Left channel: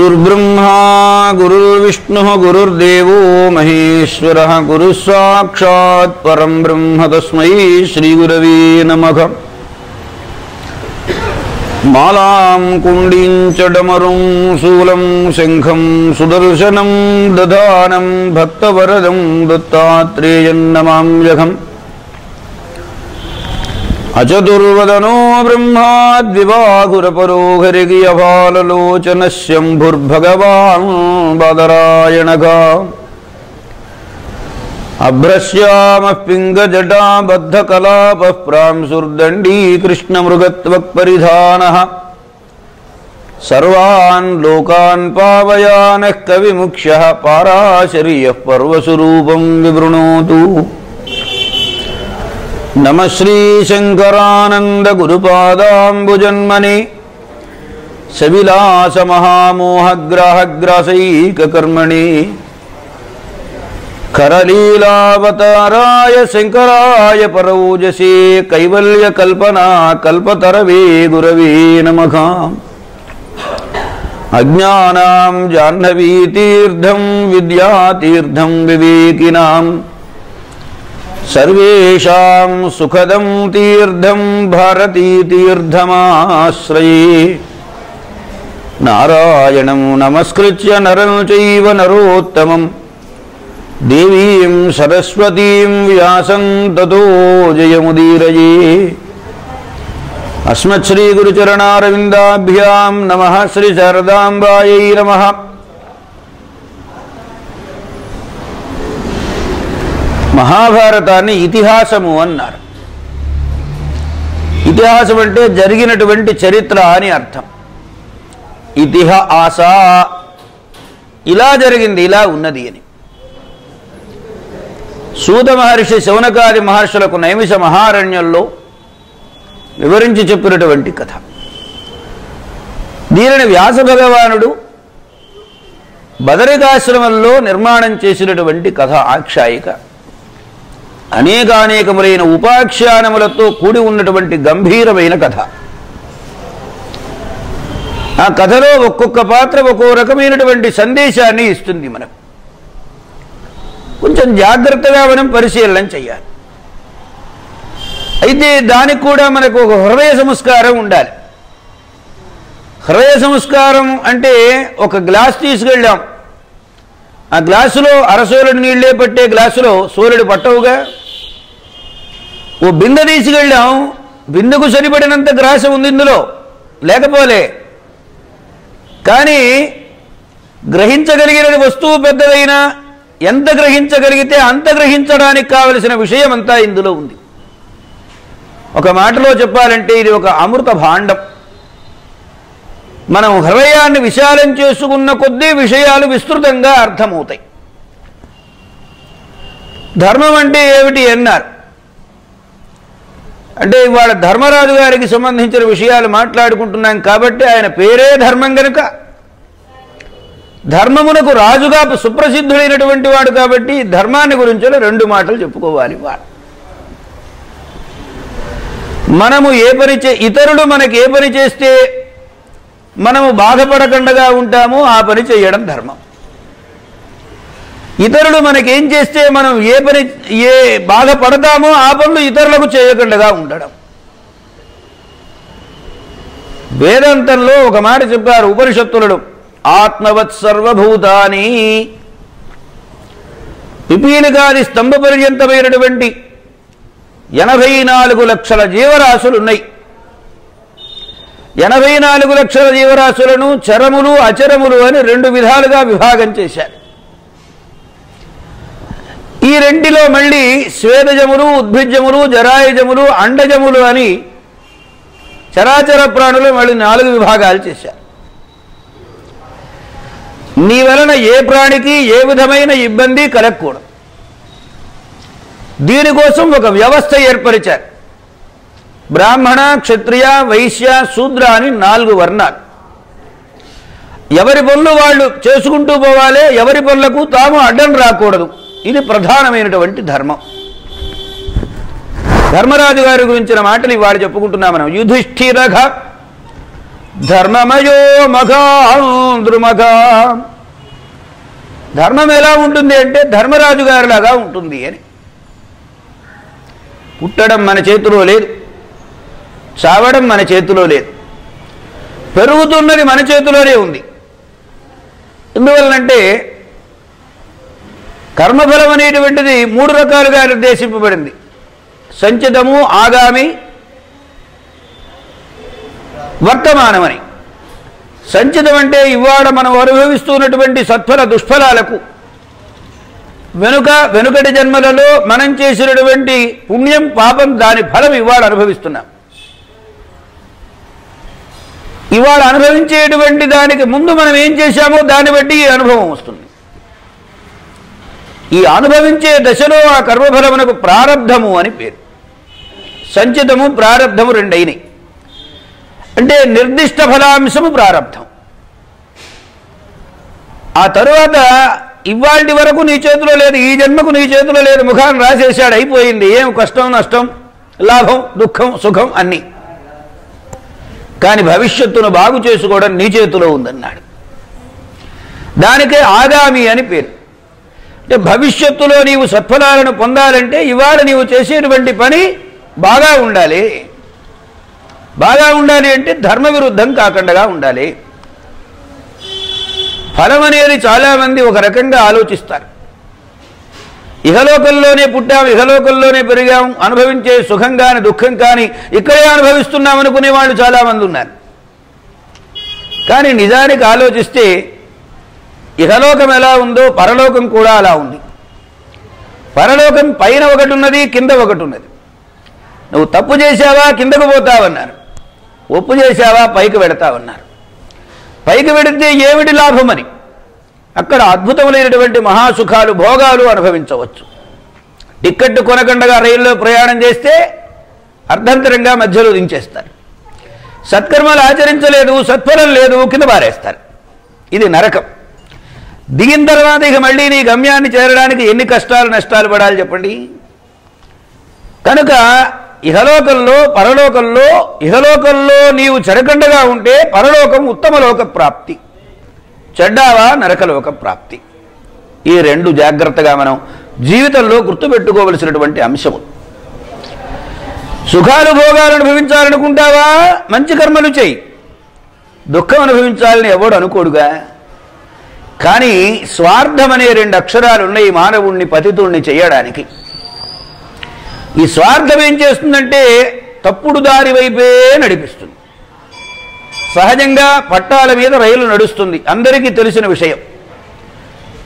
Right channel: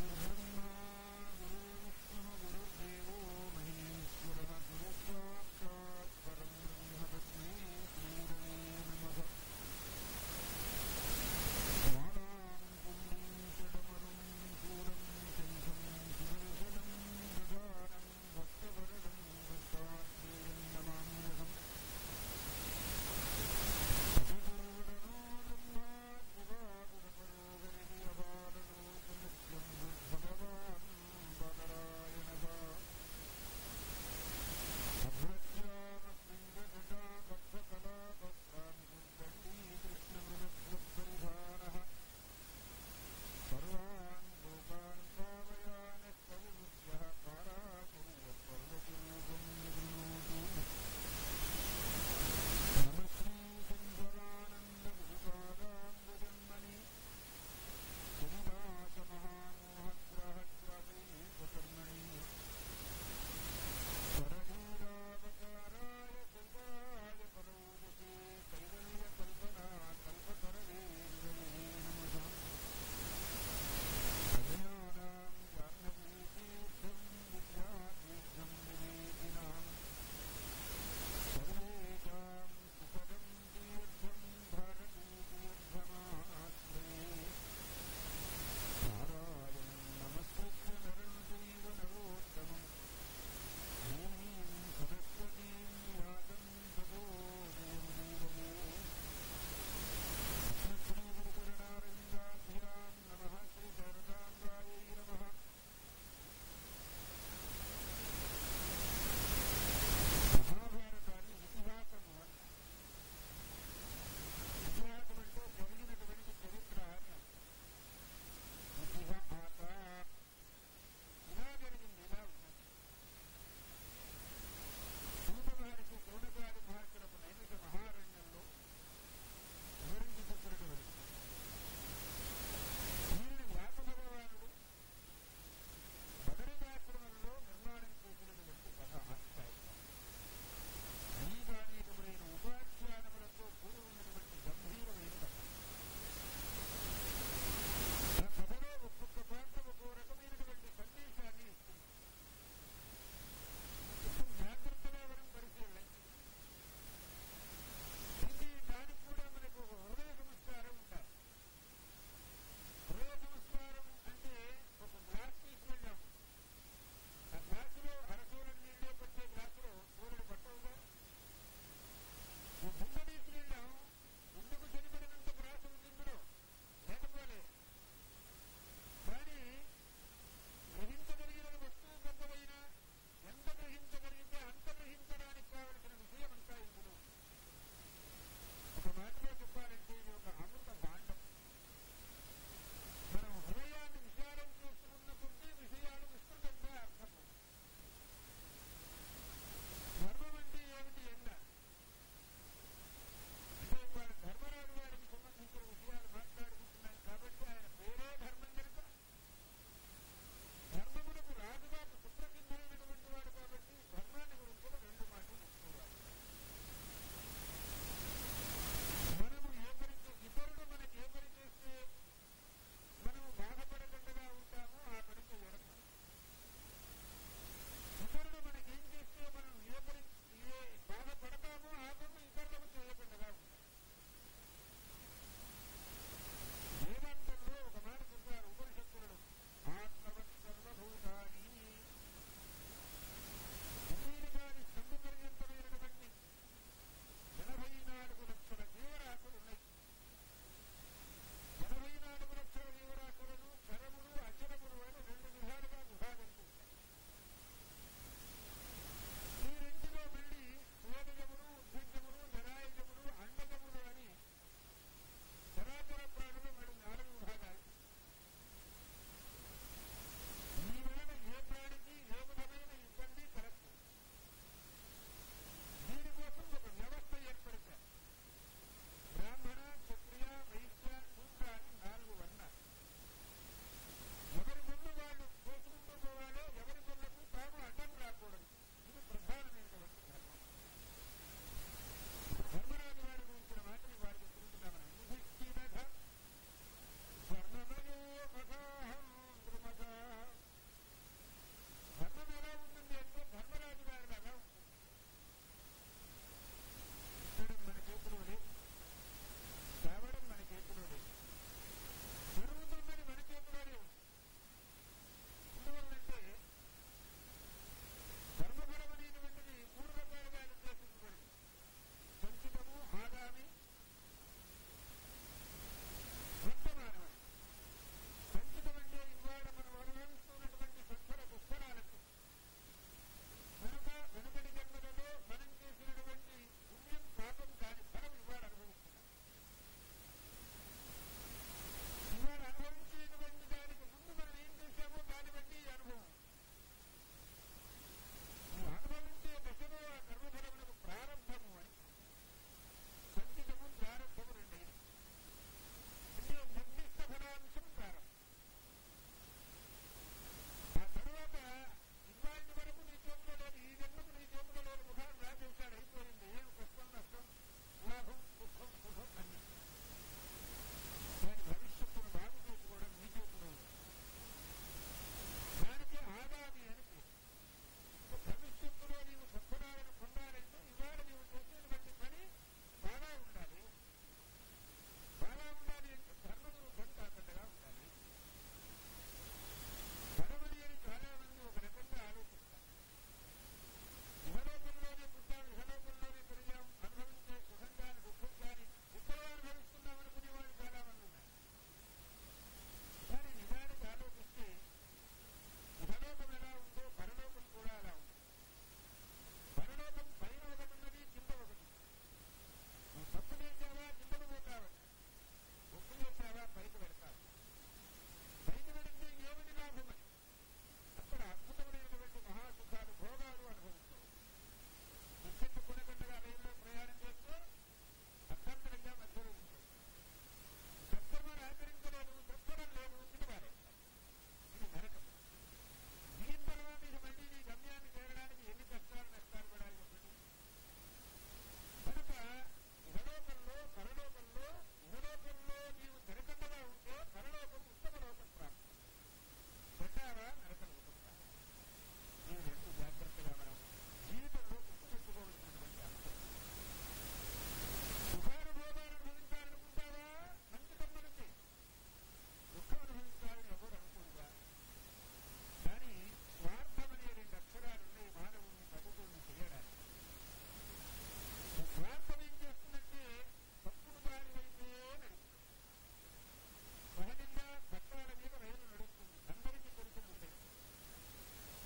गुरुर्ब्रह्मा गुरुर्विष्णुः गुरुर्देवो महेश्वरः गुरुस्साक्षात् परं ब्रह्म तस्मै श्रीगुरवे नमः। मालां कुण्डीं च डमरुं शूलं शङ्खं सुदर्शनं दधानं भक्तवरदं दत्तात्रेयं नमाम्यहम्। अचतुर्वदनो ब्रह्मा द्विबाहुरपरो हरिगियभाललोचनः शम्भुर्भगवान् बादरायणः। अभ्रश्यामः पिङ्गजटाबद्धकलापः प्रांशुर्दण्डी कृष्णमृगत्वक्परिधानः। सर्वान् लोकान् पावयानः कविमुख्यः पाराशर्यः पर्वस्वरूपं विवृणोतु। नमः श्रीशङ्करानन्द गुरुपादाम्बुजन्मने सविलासमहामोहग्राहग्रासैककर्मणे करलीलावताराय शङ्कराय परौजसे कैवल्यकल्पना कल्पतरवे गुरवे नमः। अज्ञानां जाह्नवीतीर्थं विद्यातीर्थं विवेकिनां सर्वेषां सुखदं तीर्थं भारतीतीर्थमाश्रये। नारायणं नमस्कृत्य नरं चैव नरोत्तमं देवीं सरस्वतीं व्यासं ततो जयमुदीरये। अस्मच्छ्रीगुरुचरणारविन्दाभ्यां नमः। श्रीशारदाम्बायै नमः। మహాభారతాన్ని ఇతిహాసము అన్నారు. ఇతిహాసం అంటే జరిగినటువంటి చరిత్ర అని అర్థం. ఇతిహాస ఇలా జరిగింది, ఇలా ఉన్నది అని. సూత మహర్షి శౌనకాది మహర్షులకు నైమిష మహారణ్యంలో వివరించి చెప్పినటువంటి కథ. దీనిని వ్యాస భగవానుడు బదరికాశ్రమంలో నిర్మాణం చేసినటువంటి కథ ఆఖ్యాయిక. అనేకానేకములైన ఉపాఖ్యానములతో కూడి ఉన్నటువంటి గంభీరమైన కథ. ఆ కథలో ఒక్కొక్క పాత్ర ఒక్కో రకమైనటువంటి సందేశాన్ని ఇస్తుంది. మనకు కొంచెం జాగ్రత్తగా మనం పరిశీలన చేయాలి. అయితే దానికి కూడా మనకు ఒక హృదయ సంస్కారం ఉండాలి. హృదయ సంస్కారం అంటే ఒక గ్లాస్ తీసుకెళ్ళాం, ఆ గ్లాసులో అరసోలుడు నీళ్లే పట్టే గ్లాసులో సోలుడు పట్టవుగా. ఓ బిందె తీసుకెళ్ళాం, బిందెకు సరిపడినంత గ్రాసం ఉంది ఇందులో, లేకపోలే. కానీ గ్రహించగలిగిన వస్తువు పెద్దదైనా ఎంత గ్రహించగలిగితే అంత గ్రహించడానికి కావలసిన విషయం అంతా ఇందులో ఉంది. ఒక మాటలో చెప్పాలంటే ఇది ఒక అమృత భాండం. మనం హృదయాన్ని విశాలం చేసుకున్న కొద్దీ విషయాలు విస్తృతంగా అర్థమవుతాయి. ధర్మం అంటే ఏమిటి అన్నారు అంటే, ఇవాళ ధర్మరాజు గారికి సంబంధించిన విషయాలు మాట్లాడుకుంటున్నాం కాబట్టి ఆయన పేరే ధర్మం కనుక ధర్మమునకు రాజుగా సుప్రసిద్ధుడైనటువంటి వాడు కాబట్టి ధర్మాన్ని గురించి రెండు మాటలు చెప్పుకోవాలి. మనము ఏ పని ఇతరులు మనకి ఏ పని చేస్తే మనము బాధపడకుండా ఉంటామో ఆ పని చేయడం ధర్మం. ఇతరులు మనకేం చేస్తే మనం ఏ బాధపడతామో ఆ పనులు ఇతరులకు చేయకుండా ఉండడం. వేదాంతంలో ఒక మాట చెప్పారు ఉపనిషత్తులలో, ఆత్మవత్ సర్వభూతాని. పిపీలికాది స్తంభ పర్యంతమైనటువంటి 84 లక్షల జీవరాశులు ఉన్నాయి. 84 లక్షల జీవరాశులను చరములు అచరములు అని రెండు విధాలుగా విభాగం చేశారు. ఈ రెండిలో మళ్ళీ స్వేదజములు, ఉద్భిజములు, జరాయుజములు, అండజములు అని చరాచర ప్రాణులు మళ్ళీ 4 విభాగాలు చేశారు. నీ వలన ఏ ప్రాణికి ఏ విధమైన ఇబ్బంది కలగకూడదు. దీనికోసం ఒక వ్యవస్థ ఏర్పరిచారు. బ్రాహ్మణ, క్షత్రియ, వైశ్య, శూద్ర అని 4 వర్ణాలు. ఎవరి పనులు వాళ్ళు చేసుకుంటూ పోవాలి, ఎవరి పనులకు తాము అడ్డం రాకూడదు. ఇది ప్రధానమైనటువంటి ధర్మం. ధర్మరాజు గారి గురించిన మాటలు ఇవాళ చెప్పుకుంటున్నాం మనం. యుధిష్ఠిరః ధర్మమయో మఘాంద్రుమఘా. ధర్మం ఎలా ఉంటుంది అంటే ధర్మరాజు గారిలాగా ఉంటుంది అని. పుట్టడం మన చేతిలో లేదు, చావడం మన చేతిలో లేదు, పెరుగుతున్నది మన చేతిలోనే ఉంది. ఎందువలనంటే కర్మఫలం అనేటువంటిది 3 రకాలుగా నిర్దేశింపబడింది. సంచితము, ఆగామి, వర్తమానమని. సంచితం అంటే ఇవాళ మనం అనుభవిస్తున్నటువంటి సత్ఫల దుష్ఫలాలకు వెనుకటి జన్మలలో మనం చేసినటువంటి పుణ్యం పాపం దాని ఫలం ఇవాళ అనుభవిస్తున్నాం. ఇవాళ అనుభవించేటువంటి దానికి ముందు మనం ఏం చేశామో దాన్ని బట్టి ఈ అనుభవం వస్తుంది. ఈ అనుభవించే దశలో ఆ కర్మఫలమునకు ప్రారబ్ధము అని పేరు. సంచితము ప్రారబ్ధము రెండైనవి. అంటే నిర్దిష్ట ఫలాంశము ప్రారబ్ధం. ఆ తరువాత ఇవాళ వరకు నీ చేతిలో లేదు, ఈ జన్మకు నీ చేతిలో లేదు, ముఖాన్ని రాసేసాడు, అయిపోయింది. ఏం కష్టం నష్టం, లాభం దుఃఖం సుఖం అన్నీ. కానీ భవిష్యత్తును బాగు చేసుకోవడం నీ చేతిలో ఉందన్నాడు. దానికే ఆగామి అని పేరు. అంటే భవిష్యత్తులో నీవు సత్ఫలాలను పొందాలంటే ఇవాళ నీవు చేసేటువంటి పని బాగా ఉండాలి. బాగా ఉండాలి అంటే ధర్మ విరుద్ధం కాకుండా ఉండాలి. ఫలం అనేది చాలామంది ఒక రకంగా ఆలోచిస్తారు. ఇహలోకంలోనే పుట్టాం, ఇహలోకంలోనే పెరిగాం, అనుభవించే సుఖం కానీ దుఃఖం కానీ ఇక్కడే అనుభవిస్తున్నాం అనుకునే వాళ్ళు చాలామంది ఉన్నారు. కానీ నిజానికి ఆలోచిస్తే ఇహలోకం ఎలా ఉందో పరలోకం కూడా అలా ఉంది. పరలోకం పైన ఒకటి ఉన్నది, కింద ఒకటి ఉన్నది. నువ్వు తప్పు చేశావా కిందకు పోతావన్నారు, ఒప్పు చేశావా పైకి వెడతావన్నారు. పైకి వెడితే ఏమిటి లాభమని అక్కడ అద్భుతములైనటువంటి మహాసుఖాలు భోగాలు అనుభవించవచ్చు. టిక్కెట్ కొనకుండా రైల్లో ప్రయాణం చేస్తే అర్ధంతరంగా మధ్యలో దించేస్తారు. సత్కర్మలు ఆచరించలేదు, సత్ఫలం లేదు, కింద పారేస్తారు. ఇది నరకం. దిగిన తర్వాత ఇక మళ్ళీ నీ గమ్యాన్ని చేరడానికి ఎన్ని కష్టాలు నష్టాలు పడాలి చెప్పండి. కనుక ఇహలోకంలో పరలోకంలో, ఇహలోకంలో నీవు చెడకండగా ఉంటే పరలోకం ఉత్తమ లోక ప్రాప్తి, చెడ్డావా నరకలోక ప్రాప్తి. ఈ రెండు జాగ్రత్తగా మనం జీవితంలో గుర్తుపెట్టుకోవలసినటువంటి అంశము. సుఖాలు భోగాలు అనుభవించాలనుకుంటావా, మంచి కర్మలు చేయి. దుఃఖం అనుభవించాలని ఎవడు అనుకోడుగా. కానీ స్వార్థం అనే 2 అక్షరాలు ఉన్నాయి మానవుణ్ణి పతితుణ్ణి చేయడానికి. ఈ స్వార్థం ఏం చేస్తుందంటే తప్పుడు దారి వైపే నడిపిస్తుంది. సహజంగా పట్టాల మీద రైలు నడుస్తుంది, అందరికీ తెలిసిన విషయం.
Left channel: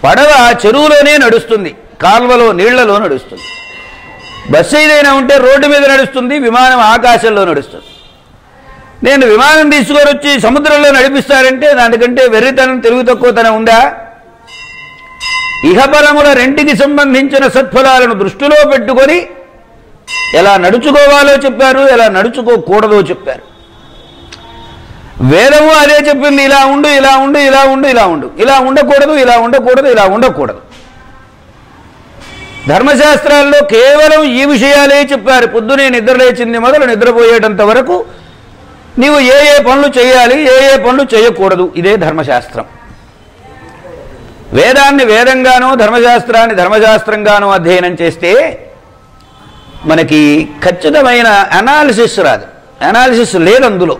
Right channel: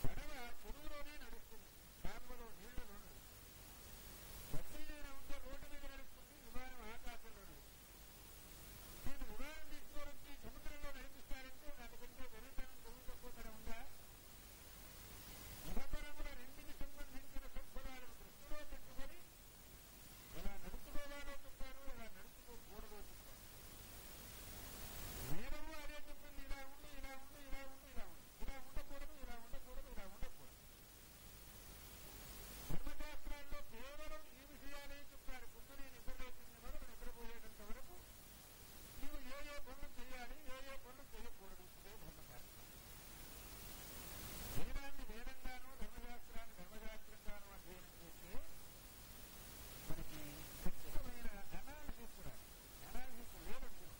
పడవ చెరువులోనే నడుస్తుంది, కాల్వలో నీళ్లలో నడుస్తుంది. బస్సు ఏదైనా ఉంటే రోడ్డు మీద నడుస్తుంది, విమానం ఆకాశంలో నడుస్తుంది. నేను విమానం తీసుకొని వచ్చి సముద్రంలో నడిపిస్తారంటే దానికంటే వెర్రితనం తెలుగు తక్కువతనం ఉందా? ఇహపరముల రెంటికి సంబంధించిన సత్ఫలాలను దృష్టిలో పెట్టుకొని ఎలా నడుచుకోవాలో చెప్పారు, ఎలా నడుచుకోకూడదో చెప్పారు. వేదము అదే చెప్పింది, ఇలా ఉండు ఇలా ఉండు ఇలా ఉండు ఇలా ఉండు, ఇలా ఉండకూడదు ఇలా ఉండకూడదు ఇలా ఉండకూడదు. ధర్మశాస్త్రాల్లో కేవలం ఈ విషయాలే చెప్పారు. పొద్దునే నిద్రలేచింది మొదలు నిద్రపోయేటంత వరకు నీవు ఏ ఏ పనులు చేయాలి, ఏ ఏ పనులు చేయకూడదు, ఇదే ధర్మశాస్త్రం. వేదాన్ని వేదంగానో ధర్మశాస్త్రాన్ని ధర్మశాస్త్రంగానో అధ్యయనం చేస్తే మనకి ఖచ్చితమైన అనాలిసిస్ రాదు. అనాలిసిస్ లేదు అందులో.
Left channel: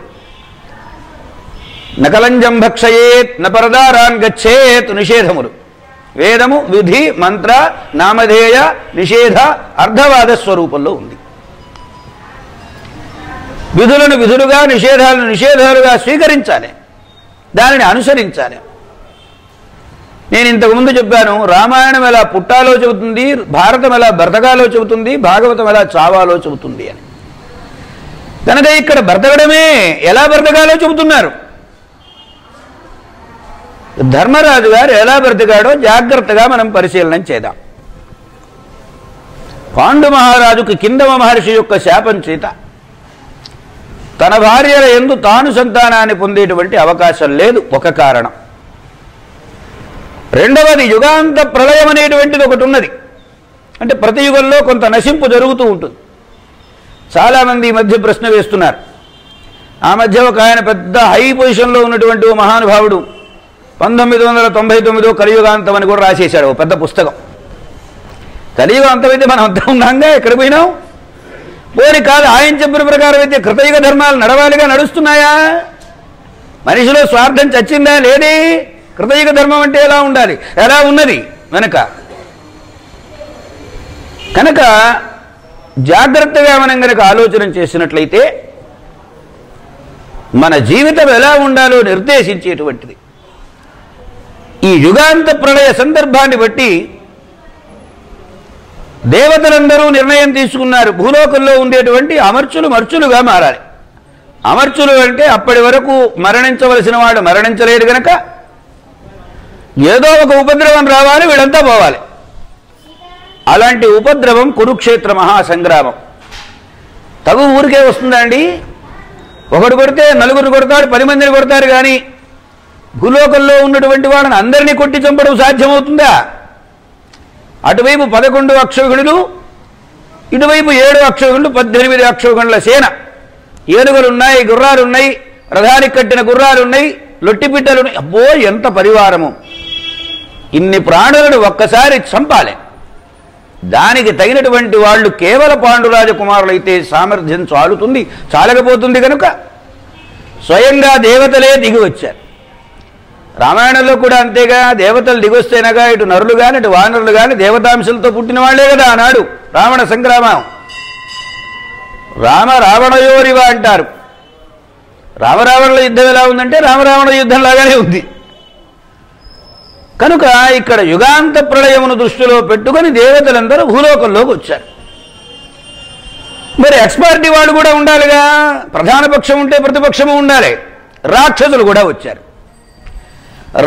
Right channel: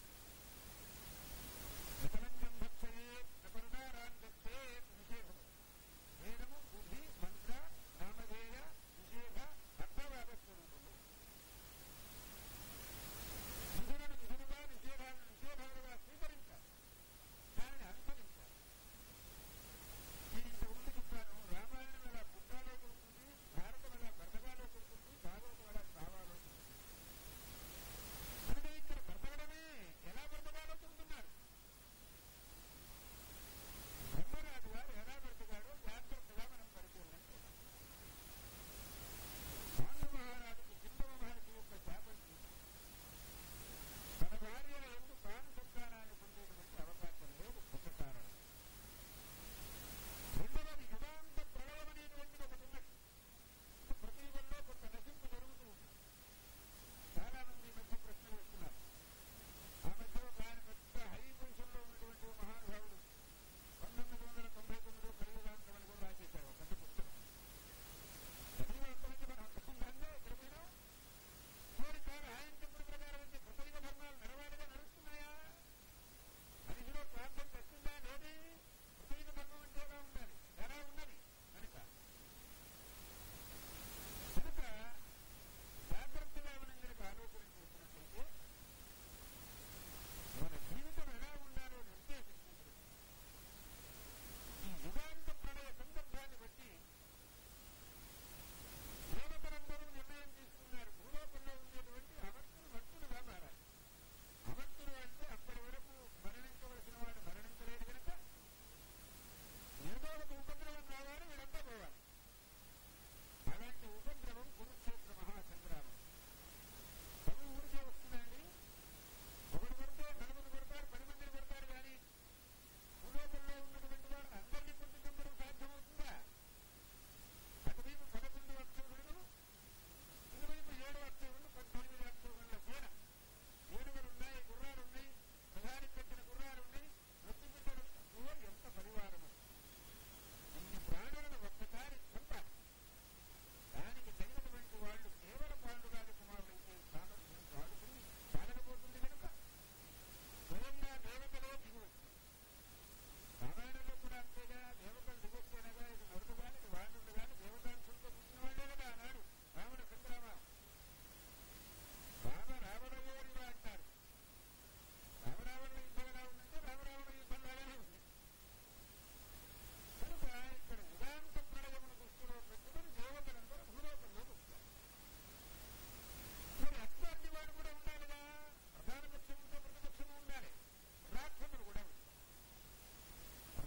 నకలంజం భక్షయేత్ నపరదారాన్ గచ్చేత్ నిషేధములు. వేదము విధి మంత్ర నామధేయ నిషేధ అర్ధవాద స్వరూపంలో ఉంది. విధులను విధులుగా, నిషేధాలను నిషేధాలుగా స్వీకరించాలి, దానిని అనుసరించాలి. నేను ఇంతకుముందు చెప్పాను, రామాయణం ఎలా పుట్టాలో చెబుతుంది, భారతం ఎలా బ్రతకాలో చెబుతుంది, భాగవతం ఎలా చావాలో చెబుతుంది అని. కనుక ఇక్కడ బ్రతకడమే ఎలా బ్రతకాలో చెబుతున్నారు. ధర్మరాజు గారు ఎలా బ్రతికాడో జాగ్రత్తగా మనం పరిశీలన చేద్దాం. పాండు మహారాజుకు కిందమ మహర్షి యొక్క శాపం చేత తన భార్యల యందు తాను సంతానాన్ని పొందేటువంటి అవకాశం లేదు, ఒక కారణం. రెండవది యుగాంత ప్రళయం అనేటువంటిది ఒకటి ఉన్నది. అంటే ప్రతి యుగంలో కొంత నశింపు జరుగుతూ ఉంటుంది. చాలామంది ఈ మధ్య ప్రశ్న వేస్తున్నారు, ఆ మధ్య ఒక ఆయన పెద్ద హై పొజిషన్లో ఉన్నటువంటి ఓ మహానుభావుడు 1999 కలియుగాంతం అని కూడా రాసేశాడు ఓ పెద్ద పుస్తకం. కలియుగాంతం అయితే మనం అంతా ఉన్నాంగా, ఎక్కడ పోయినాం? పోని కాదు, ఆయన చెప్పిన ప్రకారం అయితే కృతయుగ ధర్మాలు నడవాలిగా, నడుస్తున్నాయా? మనిషిలో స్వార్థం చచ్చిందా? లేదే. కృతయుగ ధర్మం అంటే ఎలా ఉండాలి, ఎలా ఉన్నది వెనక. కనుక జాగ్రత్తగా మనం కనుక ఆలోచన చేసినట్లయితే మన జీవితం ఎలా ఉండాలో నిర్దేశించేటువంటిది. ఈ యుగాంత ప్రళయ సందర్భాన్ని బట్టి దేవతలందరూ నిర్ణయం తీసుకున్నారు, భూలోకంలో ఉండేటువంటి అమర్చులు మర్చులుగా మారాలి. అమర్చులు అంటే అప్పటి వరకు మరణించవలసిన వాడు మరణించలేడు గనక ఏదో ఒక ఉపద్రవం రావాలి, వీళ్ళంతా పోవాలి. అలాంటి ఉపద్రవం కురుక్షేత్ర మహాసంగ్రామం. తగు ఊరికే వస్తుందా అండి? ఒకడు కొడితే నలుగురు కొడతాడు, 10 మందిని కొడతారు, కానీ భూలోకంలో ఉన్నటువంటి వాళ్ళని అందరినీ కొట్టి చంపడం సాధ్యమవుతుందా? అటువైపు 11 అక్షౌహిణులు, ఇటువైపు 7 అక్షౌహిణులు, 18 అక్షౌహిణుల సేన. ఏనుగులున్నాయి, గుర్రాలున్నాయి, రథానికి కట్టిన గుర్రాలున్నాయి, లొట్టిపిట్టలున్నాయి. అబ్బో ఎంత పరివారము! ఇన్ని ప్రాణులను ఒక్కసారి చంపాలి. దానికి తగినటువంటి వాళ్ళు కేవల పాండురాజకుమారులైతే సామర్థ్యం చాలుతుంది, చాలకపోతుంది. కనుక స్వయంగా దేవతలే దిగి వచ్చారు. రామాయణంలో కూడా అంతేగా, దేవతలు దిగొస్తేనగా ఇటు నరులు కానీ ఇటు వానరులు కానీ దేవతాంశలతో పుట్టిన వాళ్లే కదా ఆనాడు రావణ సంగ్రామం. రామ రావణయోరివ అంటారు. రామరావణుల యుద్ధం ఎలా ఉందంటే రామరావణ యుద్ధం లాగానే ఉంది. కనుక ఇక్కడ యుగాంత ప్రళయమును దృష్టిలో పెట్టుకొని దేవతలందరూ భూలోకంలోకి వచ్చారు. మరి ఎక్స్పార్టీ వాళ్ళు కూడా ఉండాలిగా, ప్రధాన పక్షం ఉంటే ప్రతిపక్షము ఉండాలి. రాక్షసులు కూడా వచ్చారు.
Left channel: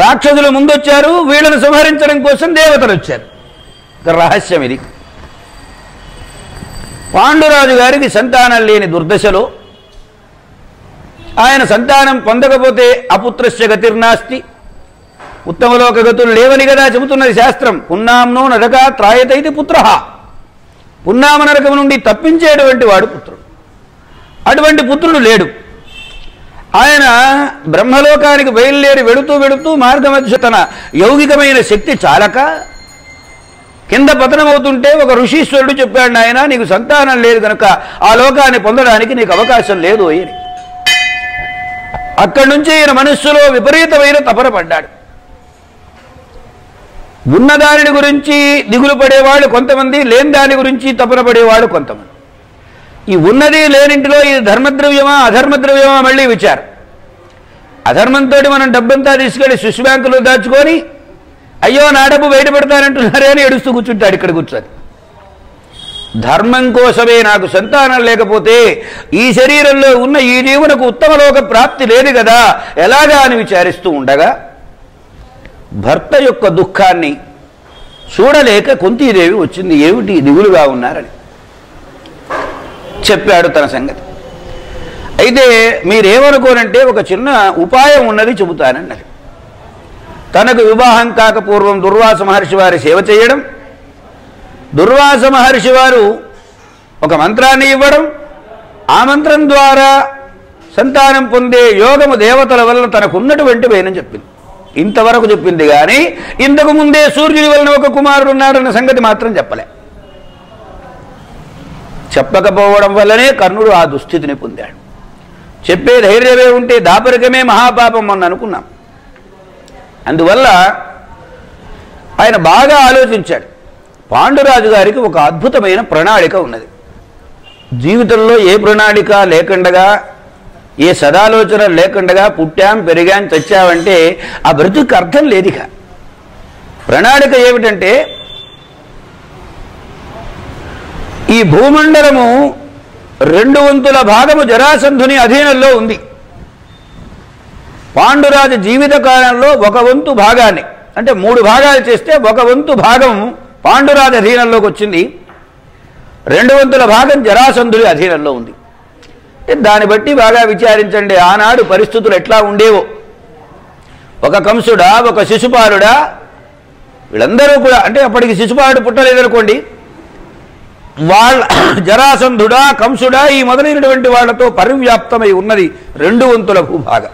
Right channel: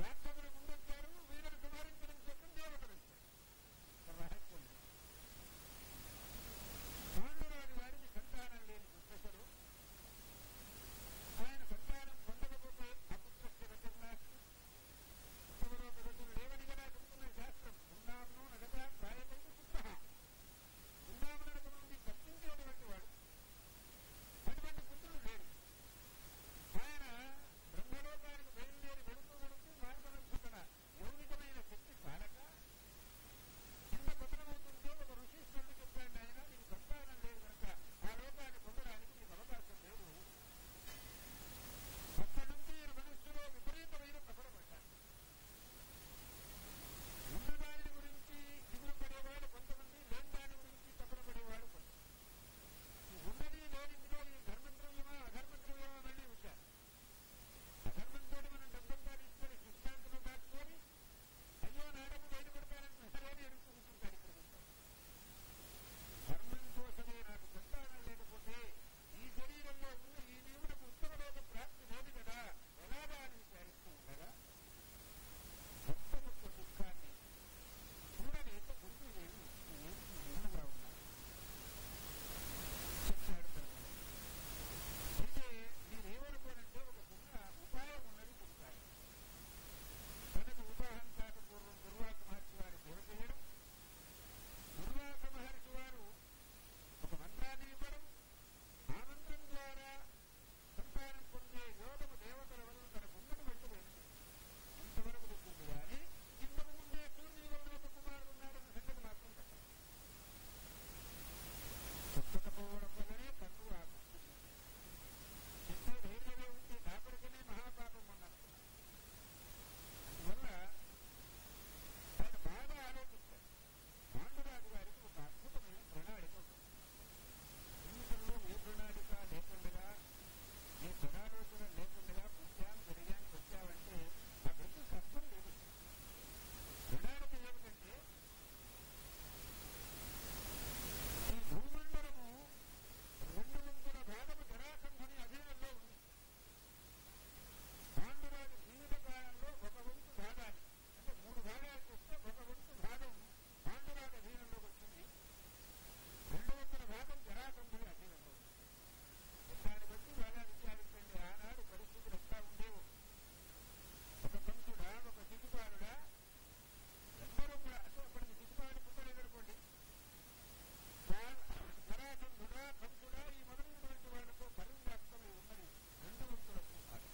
రాక్షసులు ముందొచ్చారు, వీళ్ళను సంహరించడం కోసం దేవతలు వచ్చారు. రహస్యం ఇది. పాండురాజు గారికి సంతానం లేని దుర్దశలో, ఆయన సంతానం పొందకపోతే అపుత్రస్య గతిర్నాస్తి, ఉత్తమలోక గతులు లేవని కదా చెబుతున్నది శాస్త్రం. పున్నాంనో నరకా త్రాయతైతి పుత్ర, పున్నామ నరకం నుండి తప్పించేటువంటి వాడు పుత్రుడు. అటువంటి పుత్రుడు లేడు. ఆయన బ్రహ్మలోకానికి బయలుదేరి వెడుతూ వెడుతూ మార్గమధ్య తన యౌగికమైన శక్తి చాలక కింద పతనమవుతుంటే ఒక ఋషీశ్వరుడు చెప్పాడు, నాయన నీకు సంతానం లేదు కనుక ఆ లోకాన్ని పొందడానికి నీకు అవకాశం లేదు అని. అక్కడి నుంచి ఈయన మనస్సులో విపరీతమైన తపన పడ్డాడు. ఉన్నదాని గురించి దిగులు పడేవాళ్ళు కొంతమంది, లేని దాని గురించి తపన పడేవాళ్ళు కొంతమంది. ఈ ఉన్నది లేనింటిలో ఇది ధర్మద్రవ్యమా అధర్మద్రవ్యమా మళ్ళీ విచారం. అధర్మంతో మనం డబ్బంతా తీసుకెళ్ళి స్విస్ బ్యాంకులో దాచుకొని అయ్యో నా డబ్బు బయట పెడతానంటున్నారే అని ఏడుస్తూ కూర్చుంటాడు ఇక్కడ కూర్చొని. ధర్మం కోసమే నాకు సంతానం లేకపోతే ఈ శరీరంలో ఉన్న ఈ జీవునకు ఉత్తమలోక ప్రాప్తి లేదు కదా ఎలాగా అని విచారిస్తూ ఉండగా భర్త యొక్క దుఃఖాన్ని చూడలేక కుంతీదేవి వచ్చింది. ఏమిటి దిగులుగా ఉన్నారని చెప్పాడు తన సంగతి. అయితే మీరేమనుకోనంటే ఒక చిన్న ఉపాయం ఉన్నది చెబుతానన్నది. తనకు వివాహం కాకపూర్వం దుర్వాస మహర్షి వారి సేవ చేయడం, దుర్వాస మహర్షి వారు ఒక మంత్రాన్ని ఇవ్వడం, ఆ మంత్రం ద్వారా సంతానం పొందే యోగము దేవతల వల్ల తనకున్నటువంటి వేనని చెప్పింది. ఇంతవరకు చెప్పింది కానీ ఇంతకు ముందే సూర్యుని వలన ఒక కుమారుడు ఉన్నాడన్న సంగతి మాత్రం చెప్పలే. చెప్పకపోవడం వల్లనే కర్ణుడు ఆ దుస్థితిని పొందాడు. చెప్పే ధైర్యమే ఉంటే దాపరికమే మహాపాపం అని అనుకున్నాం. అందువల్ల ఆయన బాగా ఆలోచించాడు. పాండురాజు గారికి ఒక అద్భుతమైన ప్రణాళిక ఉన్నది. జీవితంలో ఏ ప్రణాళిక లేకుండగా, ఏ సదాలోచన లేకుండగా పుట్టాం పెరిగాం చచ్చావంటే ఆ బ్రతుకు అర్థం లేదిక. ప్రణాళిక ఏమిటంటే ఈ భూమండలము 2 వంతుల భాగము జరాసంధుని అధీనంలో ఉంది. పాండురాజు జీవిత కాలంలో 1 వంతు భాగాన్ని, అంటే 3 భాగాలు చేస్తే 1 వంతు భాగం పాండురాజు అధీనంలోకి వచ్చింది. 2 వంతుల భాగం జరాసంధుడి అధీనంలో ఉంది. దాన్ని బట్టి బాగా విచారించండి ఆనాడు పరిస్థితులు ఎట్లా ఉండేవో. ఒక కంసుడా, ఒక శిశుపాలుడా, వీళ్ళందరూ కూడా, అంటే అప్పటికి శిశుపాలుడు పుట్టలేదనుకోండి, వాళ్ళ జరాసంధుడా కంసుడా ఈ మొదలైనటువంటి వాళ్లతో పరివ్యాప్తమై ఉన్నది 2 వంతుల భూభాగం.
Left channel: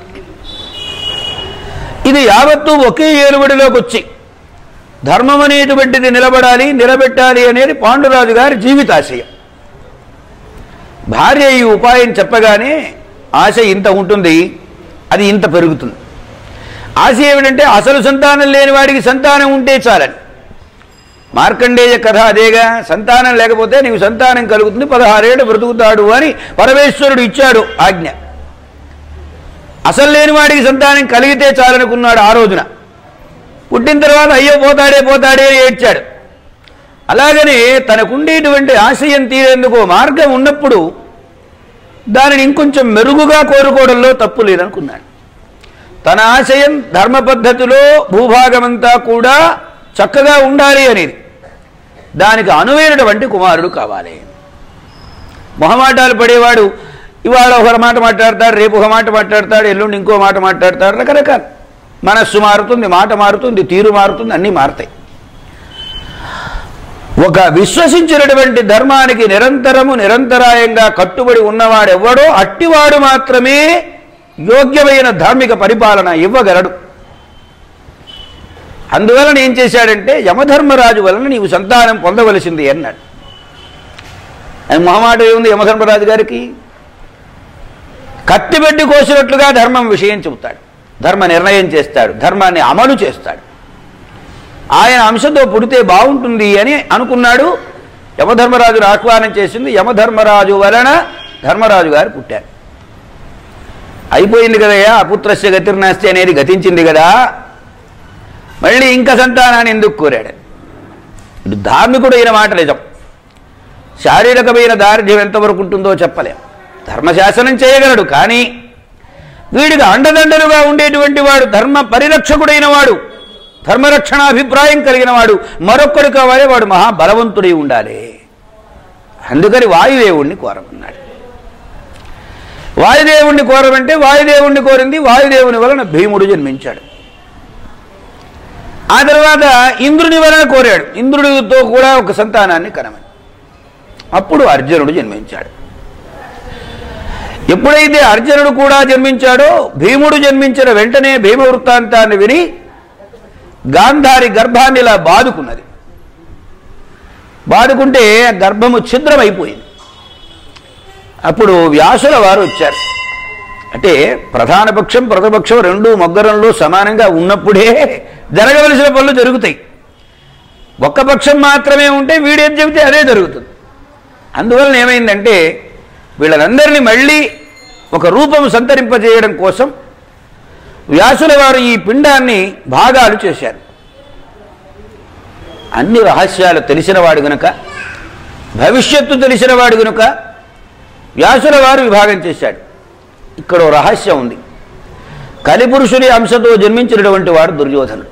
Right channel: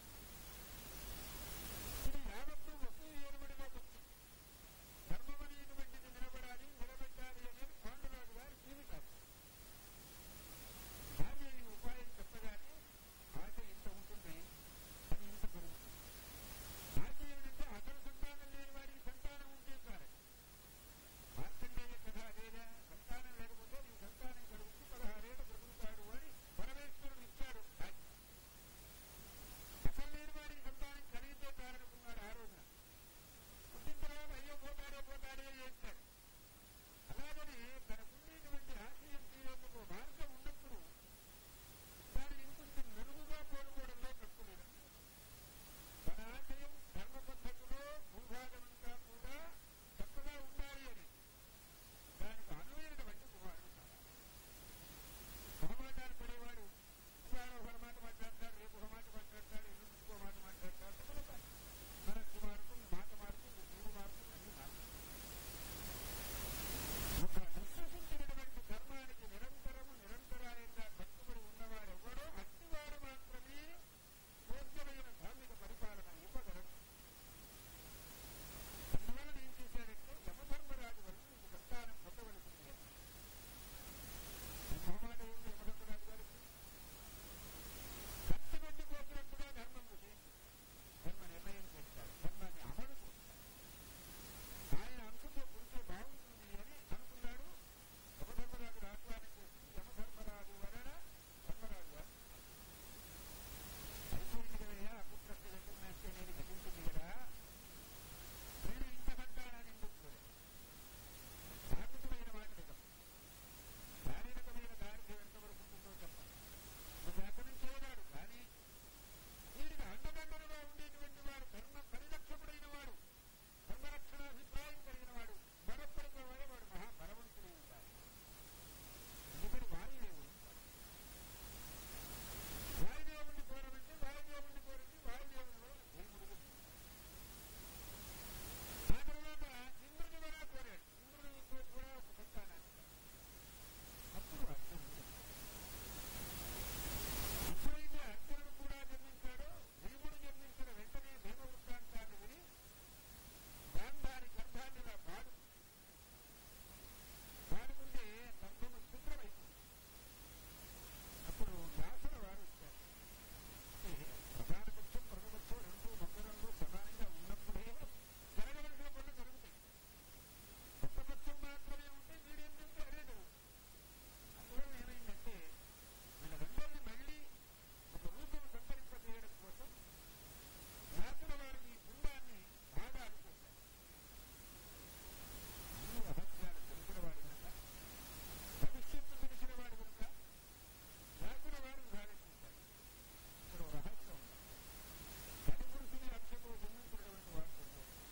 ఇది యావత్తూ ఒకే ఏలుబడిలోకి వచ్చి ధర్మం అనేటువంటిది నిలబడాలి, నిలబెట్టాలి అనేది పాండురాజు గారి జీవితాశయం. భార్య ఈ ఉపాయం చెప్పగానే ఆశ ఇంత ఉంటుంది, అది ఇంత పెరుగుతుంది. ఆశ ఏమిటంటే అసలు సంతానం లేని వాడికి సంతానం ఉంటే చాలని. మార్కండేయ కథ అదేగా, సంతానం లేకపోతే నీకు సంతానం కలుగుతుంది, 16 ఏళ్ళు బ్రతుకుతాడు అని పరమేశ్వరుడు ఇచ్చాడు ఆజ్ఞ. అసలు లేని వాడికి సంతానం కలిగితే చాలనుకున్నాడు ఆ రోజున. పుట్టిన తర్వాత అయ్యో పోతాడే పోతాడే అని ఏడ్చాడు. అలాగనే తనకుండేటువంటి ఆశయం తీరేందుకు మార్గం ఉన్నప్పుడు దానిని ఇంకొంచెం మెరుగుగా కోరుకోవడంలో తప్పు లేదనుకున్నాడు. తన ఆశయం ధర్మ పద్ధతిలో భూభాగమంతా కూడా చక్కగా ఉండాలి అనేది. దానికి అనువైనటువంటి కుమారుడు కావాలి. మొహమాటాలు పడేవాడు ఇవాళ ఒక మాట మాట్లాడతాడు, రేపు ఒక మాట మాట్లాడతాడు, ఎల్లుండి ఇంకో మాట మాట్లాడతాడు. రకరకాల మనస్సు మారుతుంది, మాట మారుతుంది, తీరు మారుతుంది, అన్నీ మారుతాయి. ఒక విశ్వసించినటువంటి ధర్మానికి నిరంతరాయంగా కట్టుబడి ఉన్నవాడెవ్వడో అట్టివాడు మాత్రమే యోగ్యమైన ధార్మిక పరిపాలన ఇవ్వగలడు. అందువలన ఏం చేశాడంటే యమధర్మరాజు వలన నీవు సంతానం పొందవలసింది అన్నాడు. అది మొహమాట ఏముంది యమధర్మరాజు గారికి? కత్తిపెట్టి కోసినట్లుగా ధర్మం విషయం చెబుతాడు, ధర్మ నిర్ణయం చేస్తాడు, ధర్మాన్ని అమలు చేస్తాడు. ఆయన అంశతో పుడితే బాగుంటుంది అని అనుకున్నాడు. యమధర్మరాజును ఆహ్వానం చేసింది. యమధర్మరాజు వలన ధర్మరాజు గారు పుట్టారు. అయిపోయింది కదయ్యా, అపుత్రస్య గతిర్నాస్తి అనేది గతించింది కదా, మళ్ళీ ఇంకా సంతానాన్ని ఎందుకు కోరాడు? ఇటు ధార్మికుడైన మాట నిజం, శారీరకమైన దారిద్ర్యం ఎంతవరకు ఉంటుందో చెప్పలేం. ధర్మశాసనం చేయగలడు, కానీ వీడికి అండదండలుగా ఉండేటువంటి వాడు, ధర్మ పరిరక్షకుడైన వాడు, ధర్మరక్షణాభిప్రాయం కలిగిన వాడు మరొక్కడు కావాలి. వాడు మహాబలవంతుడై ఉండాలి. అందుకని వాయుదేవుణ్ణి కోరమన్నాడు. వాయుదేవుణ్ణి కోరమంటే వాయుదేవుణ్ణి కోరింది. వాయుదేవుని వలన భీముడు జన్మించాడు. ఆ తర్వాత ఇంద్రుని వలన కోరాడు, ఇంద్రుడితో కూడా ఒక సంతానాన్ని కనమని. అప్పుడు అర్జునుడు జన్మించాడు. ఎప్పుడైతే అర్జునుడు కూడా జన్మించాడో భీముడు జన్మించిన వెంటనే భీమ వృత్తాంతాన్ని విని గాంధారి గర్భాన్ని ఇలా బాదుకున్నది. బాదుకుంటే గర్భము ఛిద్రమైపోయింది. అప్పుడు వ్యాసుల వారు వచ్చారు. అంటే ప్రధాన పక్షం ప్రతిపక్షం రెండు మొగ్గరంలో సమానంగా ఉన్నప్పుడే జరగవలసిన పనులు జరుగుతాయి. ఒక్క పక్షం మాత్రమే ఉంటే వీడేం చెబితే అదే జరుగుతుంది. అందువలన ఏమైందంటే వీళ్ళందరినీ మళ్ళీ ఒక రూపం సంతరింపజేయడం కోసం వ్యాసుల వారు ఈ పిండాన్ని భాగాలు చేశారు. అన్ని రహస్యాలు తెలిసినవాడు గనుక, భవిష్యత్తు తెలిసినవాడు గనుక వ్యాసుల వారు విభాగం చేశాడు. ఇక్కడ రహస్యం ఉంది. కలిపురుషుని అంశతో జన్మించినటువంటి వాడు దుర్యోధనుడు.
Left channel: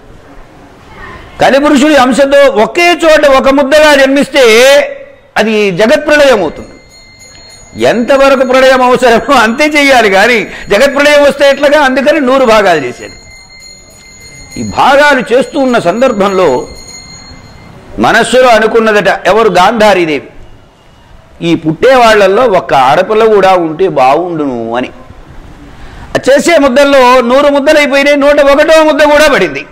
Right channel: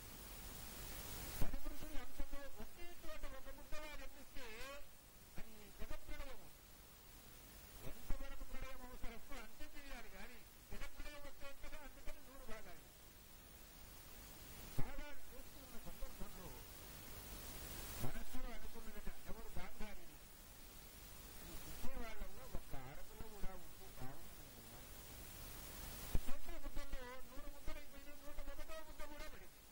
కలిపురుషుని అంశతో ఒకే చోట ఒక ముద్దగా జన్మిస్తే అది జగత్ప్రళయం అవుతుంది. ఎంతవరకు ప్రళయం అవసరమో అంతే చేయాలి, కానీ జగత్ప్రళయం వస్తే ఎట్లాగా? అందుకని 100 భాగాలు చేశాడు. ఈ భాగాలు చేస్తూ ఉన్న సందర్భంలో మనస్సులో అనుకున్నదట, ఎవరు? గాంధారీదేవి. ఈ పుట్టేవాళ్లలో ఒక్క ఆడపిల్ల కూడా ఉంటే బాగుండును అని. చేసే ముద్దల్లో 100 ముద్దలైపోయినాయి, 101వ ముద్ద కూడా పడింది.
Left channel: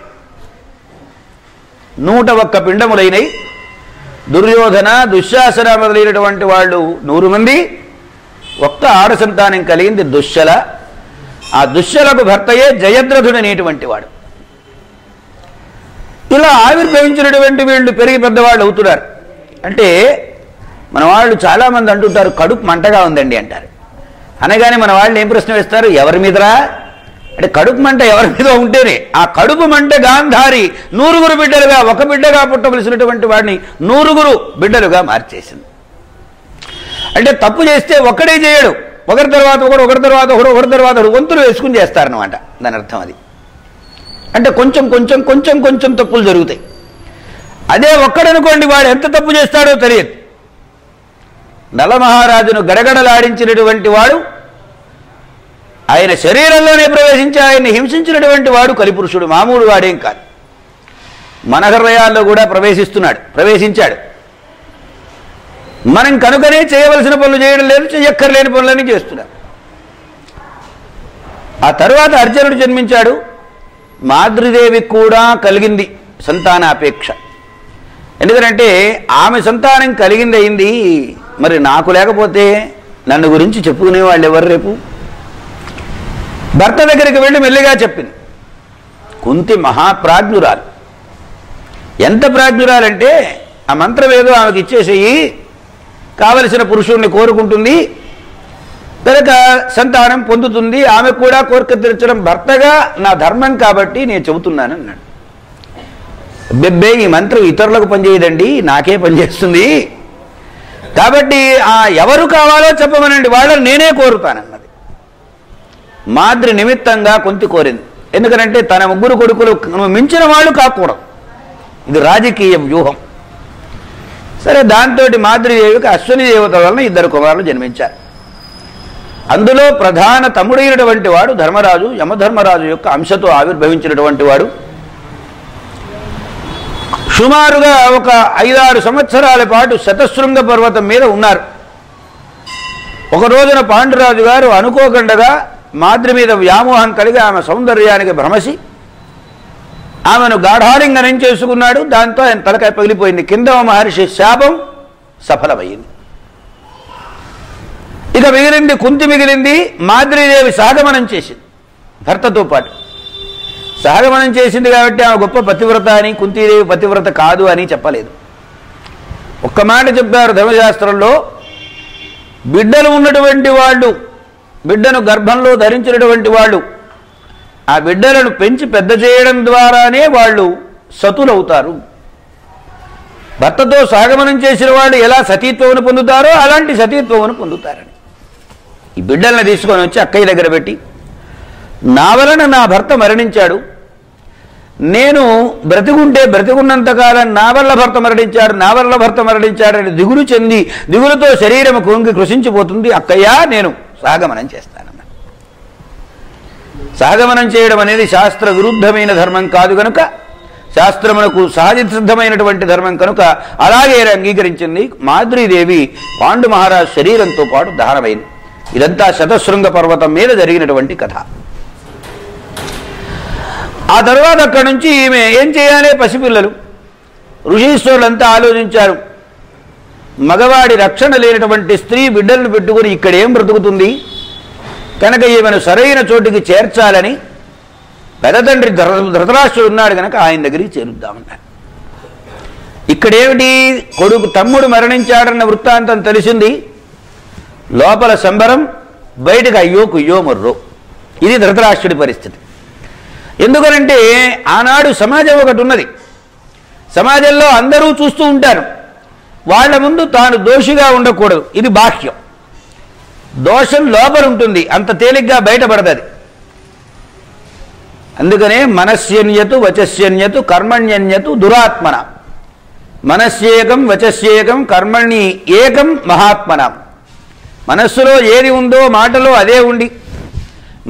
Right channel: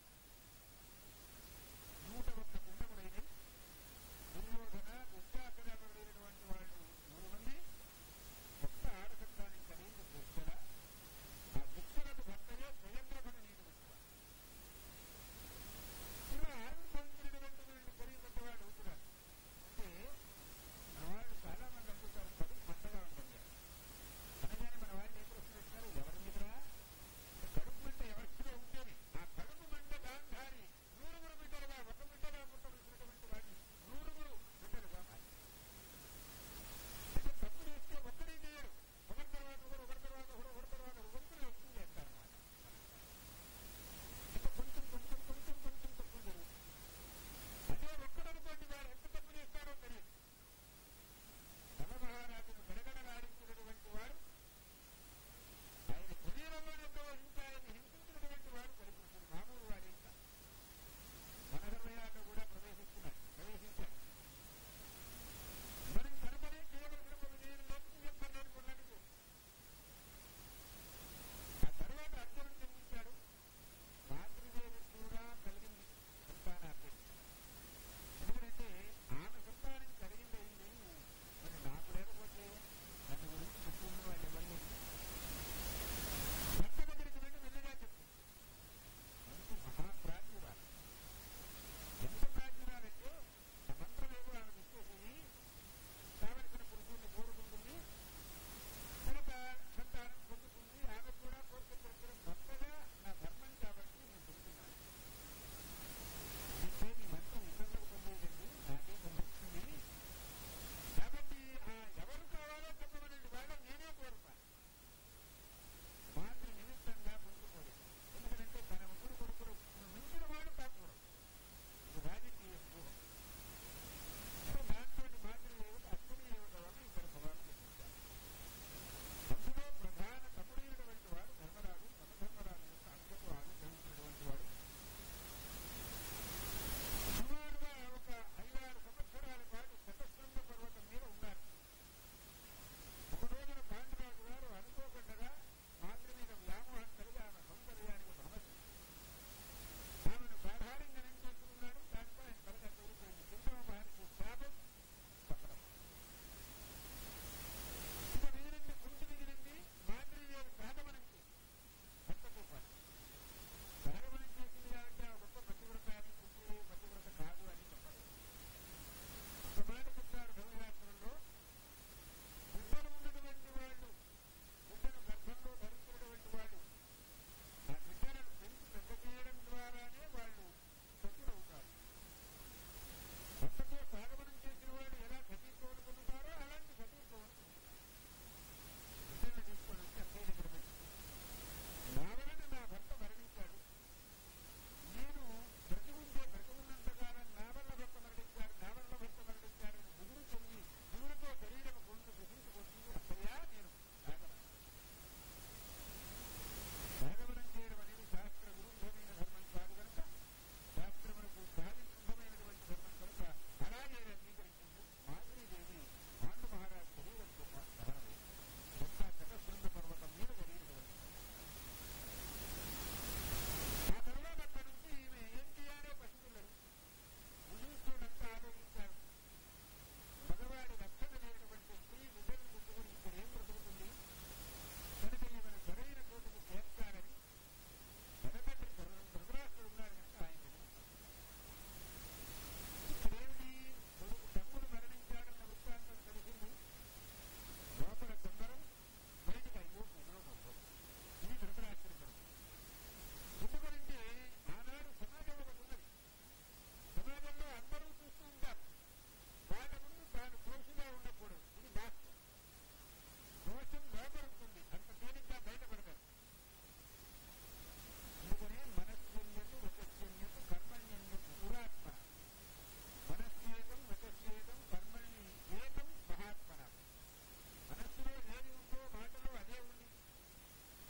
101 పిండములైనవి. దుర్యోధన, దుశ్శాసన మొదలైనటువంటి వాళ్ళు 100 మంది. ఒక్క ఆడ సంతానం కలిగింది దుశ్శల. ఆ దుశ్శలకు భర్తయే జయద్రథుడు అనేటువంటి వాడు. ఇలా ఆవిర్భవించినటువంటి వీళ్ళు పెరిగి పెద్దవాళ్ళు అవుతున్నారు. అంటే మన వాళ్ళు చాలామంది అంటుంటారు కడుపు మంటగా ఉందండి అంటారు. అనగానే మన వాళ్ళు ఏం ప్రశ్న వేస్తారు? ఎవరి మీదరా అంటే కడుపు మంట ఎవరి మీద ఉంటేనే. ఆ కడుపు మంట గాంధారి 100 బిడ్డలుగా, ఒక బిడ్డగా పుట్టవలసినటువంటి వాడిని 100 బిడ్డలుగా మార్చేసింది. అంటే తప్పు చేస్తే ఒక్కడే చేయడు, ఒకరి తర్వాత ఒకడు, ఒకరి తర్వాత ఒకడు, ఒకరి తర్వాత ఒకడు వంతులు వేసుకుని చేస్తారనమాట. దాని అర్థం అది. అంటే కొంచెం కొంచెం కొంచెం కొంచెం తప్పులు జరుగుతాయి. అదే ఒక్కడనుకోండి, వాడు ఎంత తప్పు చేస్తాడో తెలియదు. నలమహారాజును గడగడలాడించినటువంటి వాడు, ఆయన శరీరంలోనే ప్రవేశించి ఆయన్ని హింసించినటువంటి వాడు కలిపురుషుడు. మామూలు వాడేం కాదు. మన హృదయాల్లో కూడా ప్రవేశించాడు. మనం కనుకనే చేయవలసిన పనులు చేయడం లేదు, చెయ్యక్కర్లేని పనులన్నీ చేస్తున్నాం. ఆ తరువాత అర్జునుడు జన్మించాడు. మాద్రీదేవికి కూడా కలిగింది సంతానాపేక్ష. ఎందుకంటే ఆమె సంతానం కలిగింది అయింది, మరి నాకు లేకపోతే నన్ను గురించి చెప్పుకునే వాళ్ళు ఎవరు? రేపు భర్త దగ్గరికి వెళ్ళి మెల్లిగా చెప్పింది. కుంతి మహాప్రాజ్ఞురాలు. ఎంత ప్రాజ్ఞురాలంటే ఆ మంత్రం ఏదో ఆమెకి ఇచ్చేసేయి, కావలసిన పురుషుణ్ణి కోరుకుంటుంది, కనుక సంతానం పొందుతుంది, ఆమె కూడా కోరిక తీర్చడం భర్తగా నా ధర్మం కాబట్టి నేను చెబుతున్నాను అన్నాడు. బెబ్బే ఈ మంత్రం ఇతరులకు పనిచేయదండి, నాకే పనిచేస్తుంది, కాబట్టి ఎవరు కావాలో చెప్పమనండి, వాళ్ళని నేనే కోరుతానన్నది. మాద్రి నిమిత్తంగా కుంతి కోరింది. ఎందుకంటే తన ముగ్గురు కొడుకులు మించిన వాళ్ళు కాకూడదు, ఇది రాజకీయ వ్యూహం. సరే, దాంతో మాద్రీదేవికి అశ్విని దేవత వలన 2 కుమారులు జన్మించారు. అందులో ప్రధాన తమ్ముడైనటువంటి వాడు ధర్మరాజు, యమధర్మరాజు యొక్క అంశతో ఆవిర్భవించినటువంటి వాడు. సుమారుగా ఒక 5-6 సంవత్సరాల పాటు శతశృంగ పర్వతం మీద ఉన్నారు. ఒక రోజున పాండురాజు గారు అనుకోకుండా మాద్రి మీద వ్యామోహం కలిగి ఆమె సౌందర్యానికి భ్రమసి ఆమెను గాఢాలింగనం చేసుకున్నాడు. దాంతో ఆయన తలకాయ పగిలిపోయింది. కిందవ మహర్షి శాపం సఫలమైంది. ఇక మిగిలింది కుంతి మిగిలింది. మాద్రీదేవి సహగమనం చేసింది భర్తతో పాటు. సహగమనం చేసింది కాబట్టి ఆమె గొప్ప పతివ్రత అని, కుంతీదేవి పతివ్రత కాదు అని చెప్పలేదు. ఒక్క మాట చెప్పారు ధర్మశాస్త్రంలో, బిడ్డలు ఉన్నటువంటి వాళ్ళు, బిడ్డను గర్భంలో ధరించినటువంటి వాళ్ళు ఆ బిడ్డలను పెంచి పెద్ద చేయడం ద్వారానే వాళ్ళు సతులవుతారు. భర్తతో సహగమనం చేసిన వాళ్ళు ఎలా సతీత్వమును పొందుతారో అలాంటి సతీత్వమును పొందుతారని ఈ బిడ్డలను తీసుకొని వచ్చి అక్కయ్య దగ్గర పెట్టి, నా వలన నా భర్త మరణించాడు, నేను బ్రతికుంటే బ్రతికున్నంతకాలం నా వల్ల భర్త మరణించాడని దిగులు చెంది దిగులుతో శరీరం కుంగి కృషించిపోతుంది. అక్కయ్య, నేను సహగమనం చేస్తానన్న. సహగమనం చేయడం అనేది శాస్త్ర విరుద్ధమైన ధర్మం కాదు కనుక, శాస్త్రమునకు సహజ సిద్ధమైనటువంటి ధర్మం కనుక అలాగే అంగీకరించింది. మాద్రీదేవి పాండు మహారాజు శరీరంతో పాటు దహనమైంది. ఇదంతా శతశృంగ పర్వతం మీద జరిగినటువంటి కథ. ఆ తర్వాత అక్కడి నుంచి ఈమె ఏం చేయాలి? పసిపిల్లలు. ఋషీశ్వరులంతా ఆలోచించారు, మగవాడి రక్షణ లేనటువంటి స్త్రీ బిడ్డలను పెట్టుకుని ఇక్కడేం బ్రతుకుతుంది, కనుక ఈమెను సరైన చోటికి చేర్చాలని పెదతండ్రి ధృతరాష్ట్రుడు ఉన్నాడు కనుక ఆయన దగ్గరికి చేరుద్దామన్నారు. ఇక్కడేమిటి, కొడుకు తమ్ముడు మరణించాడన్న వృత్తాంతం తెలిసింది. లోపల సంబరం, బయటకు అయ్యో కుయ్యో మొర్రో. ఇది ధృతరాష్ట్రుడి పరిస్థితి. ఎందుకనంటే ఆనాడు సమాజం ఒకటి ఉన్నది. సమాజంలో అందరూ చూస్తూ ఉంటారు, వాళ్ళ ముందు తాను దోషిగా ఉండకూడదు. ఇది బాహ్యం. దోషం లోపల ఉంటుంది, అంత తేలిగ్గా బయటపడదు. అందుకనే మనస్యన్యతు వచస్యన్యతు కర్మణ్యన్యతు దురాత్మన. మనస్యేకం వచస్యేకం కర్మణి ఏకం మహాత్మన. మనస్సులో ఏది ఉందో మాటలో అదే ఉండి,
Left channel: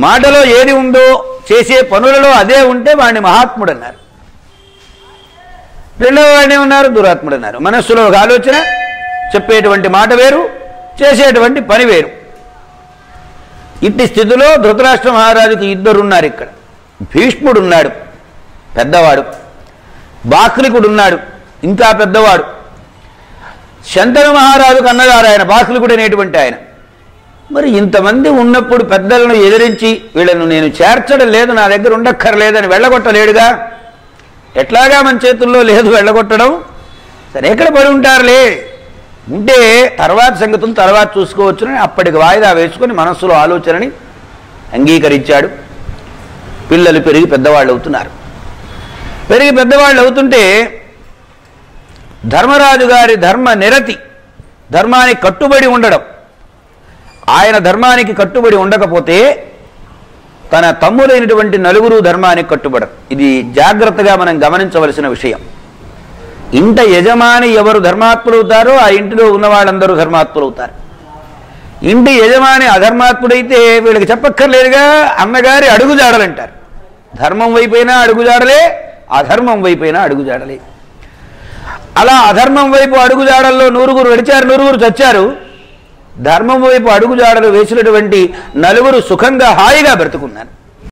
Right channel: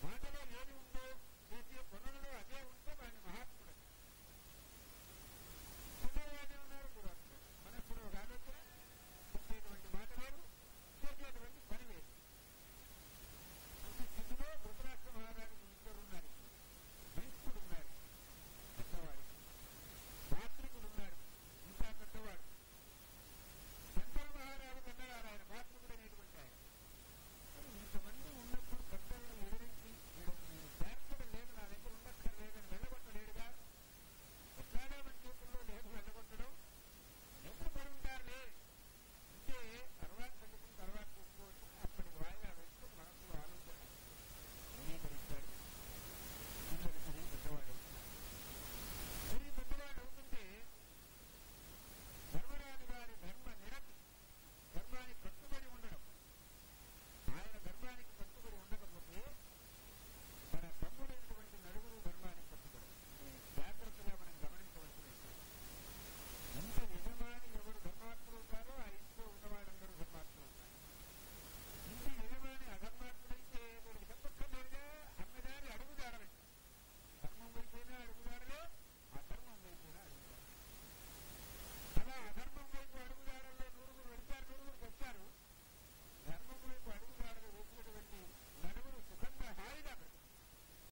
మాటలో ఏది ఉందో చేసే పనులలో అదే ఉంటే వాడిని మహాత్ముడు అన్నారు. రెండవ వాడిని ఉన్నారు దురాత్ముడు అన్నారు. మనస్సులో ఒక ఆలోచన, చెప్పేటువంటి మాట వేరు, చేసేటువంటి పని వేరు. ఇట్టి స్థితిలో ధృతరాష్ట్ర మహారాజుకి 2 ఉన్నారు ఇక్కడ. భీష్ముడున్నాడు పెద్దవాడు, బాక్లికుడున్నాడు ఇంకా పెద్దవాడు. శంతను మహారాజుకు అన్నగారు ఆయన, బాక్లికుడు అనేటువంటి ఆయన. మరి ఇంతమంది ఉన్నప్పుడు పెద్దలను ఎదిరించి వీళ్ళను నేను చేర్చడం లేదు, నా దగ్గర ఉండక్కర్లేదని వెళ్ళగొట్టలేడుగా. ఎట్లాగా మన చేతుల్లో లేదు వెళ్ళగొట్టడం. సరే, ఎక్కడ పడి ఉంటారులే, ఉంటే తర్వాత సంగతులు తర్వాత చూసుకోవచ్చునని అప్పటికి వాయిదా వేసుకొని మనస్సులో ఆలోచనని అంగీకరించాడు. పిల్లలు పెరిగి పెద్దవాళ్ళు అవుతున్నారు. పెరిగి పెద్దవాళ్ళు అవుతుంటే ధర్మరాజు గారి ధర్మ నిరతి, ధర్మానికి కట్టుబడి ఉండడం, ఆయన ధర్మానికి కట్టుబడి ఉండకపోతే తన తమ్ముడైనటువంటి 4 ధర్మానికి కట్టుబడరు. ఇది జాగ్రత్తగా మనం గమనించవలసిన విషయం. ఇంట యజమాని ఎవరు ధర్మాత్ములవుతారో ఆ ఇంటిలో ఉన్న వాళ్ళందరూ ధర్మాత్ములవుతారు. ఇంటి యజమాని అధర్మాత్ముడైతే వీళ్ళకి చెప్పక్కర్లేదుగా, అన్నగారి అడుగుజాడలంటారు. ధర్మం వైపైనా అడుగుజాడలే, అధర్మం వైపైనా అడుగుజాడలే. అలా అధర్మం వైపు అడుగుజాడల్లో 100 నడిచారు, 100 చచ్చారు. ధర్మం వైపు అడుగుజాడలు వేసినటువంటి 4 సుఖంగా హాయిగా బ్రతుకున్నారు.